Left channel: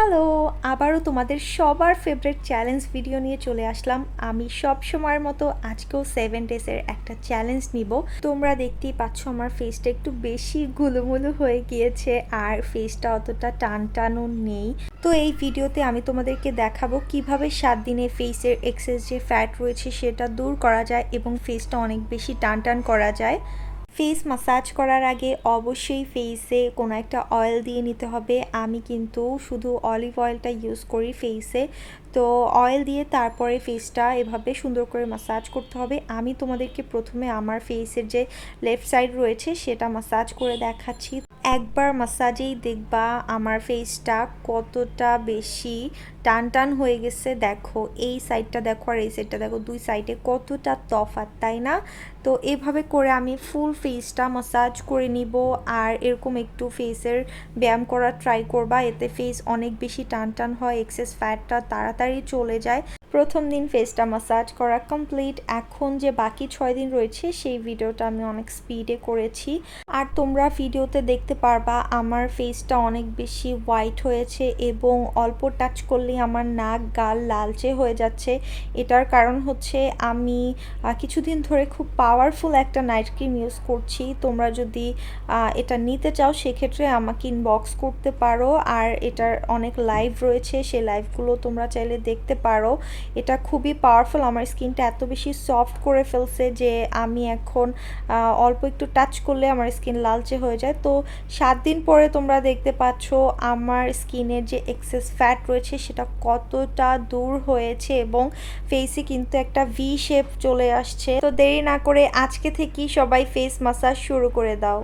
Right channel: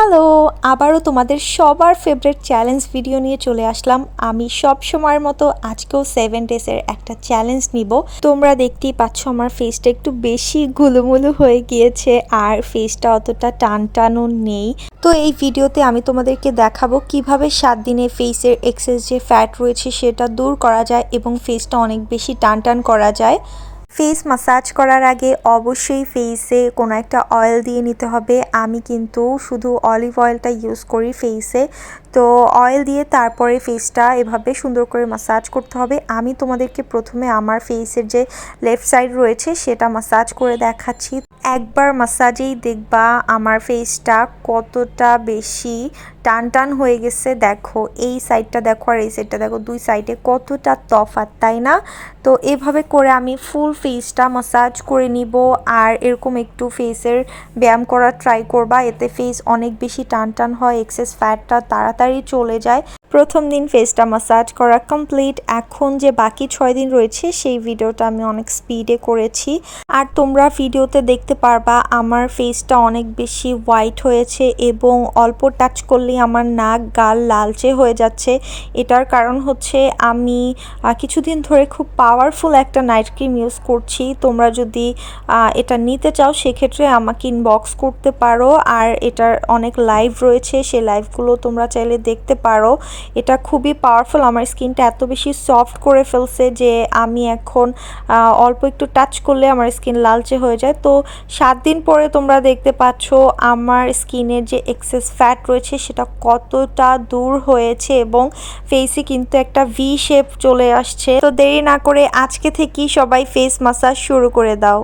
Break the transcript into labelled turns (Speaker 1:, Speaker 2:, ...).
Speaker 1: Hello, আবারও তোমাদের সবার ফেভারিট চ্যালেঞ্জ ভিডিও নিয়ে চলে আসলাম। আমি সব সময়ের মতো আজকেও সেভেন ডেজের একটা চ্যালেঞ্জ নিব। তোমরা দেখতেই পাচ্ছ আমার ফেসটা একটু বেশি গুলুমুলু হয়ে গিয়েছে আর ফেসটা অতটা টান টানও নেই। তো এই ভিডিওতে আমি তোমাদেরকে দেখাবো কীভাবে সাত দিনে ফেসের এক্সেস যে ফ্যাট রয়েছে সেটা দূর করা যায় এবং ফেসটা অনেক বেশি টান টান করা যায়। ফেস মাসাজ করার আগে অবশ্যই ফেসে কোনো একটা অয়েল দিয়ে নিতে হবে। আমি কিন্তু শুধু অলিভ অয়েলটা ইউজ করি ফেসে তো অয়েল দিয়ে তারপরে ফেসটা এভাবে সুন্দর করে মাসাজ করতে হবে। আমি তোমাদেরকে প্রথমে আমার ফেসের যে লেফট সাইড রয়েছে সেটা মাসাজ করে দেখাচ্ছি। একবার মাসাজেই দেখবা আমার ফেসটা কতটা বেশি টান টান হয়ে গেছে, দেখো, এই সাইডটা দেখো আর এই সাইডটা দেখো, দুই সাইডে কতটা তফাৎ, তাই না? তো এভাবে করে আমি ফুল ফেসটা মাসাজ করে নিব আর এরকম একটু ফেসের ব্যায়াম করার ট্রাই করবা, এতে ফেস অনেক বেশি টান টান হয় এক্সেস ফ্যাটটা তাড়াতাড়ি চলে যায়। প্রথম দিন ফেসটা মাসাজ করা কমপ্লিট এখন যে বাকি ছয় দিন রয়েছে, সেই ভিডিওটা আমি অনেক স্পিডে করেছি। আর তোমরা ভিডিওতে দেখতে পারবা, আমার ফেসটা অনেক বেশি হোয়াইট হয়েছে এবং অল্প টাচ করলেই আমার নাক, গাল লালচে হয়ে যাচ্ছে। এটার কারণ হচ্ছে আমি কিছুদিন ধরে খুব পাওয়ারফুল একটা নাইট ক্রিম ইউজ করছি। তোমরা যদি এটা নিতে চাও, সেক্ষেত্রে আমাকে ইনবক্স করতে পারো। আর এটার অনেক লাইভ রয়েছে, সেই লাইভগুলো তোমরা চাইলে দেখতে পারো। এটা খুবই পাওয়ারফুল আমার স্কিনটা এত বেশি সফট করে ফেলছে যে আমি এখন অল্প একটু টাচ করলে আমার স্কিন লালচে হয়ে যায়। তো সাত দিন পরে তোমরা দেখতে পাচ্ছ আমার স্কিনের যে এক্সেস ফ্যাট রয়েছে সেটা কতটা দূর হয়েছে এবং ফেসে কিন্তু একটা ভি শেপ চলে আসছে। তো দেরি না করে আজকে থেকেই সবাই ফেস মাসাজ শুরু করে দাও।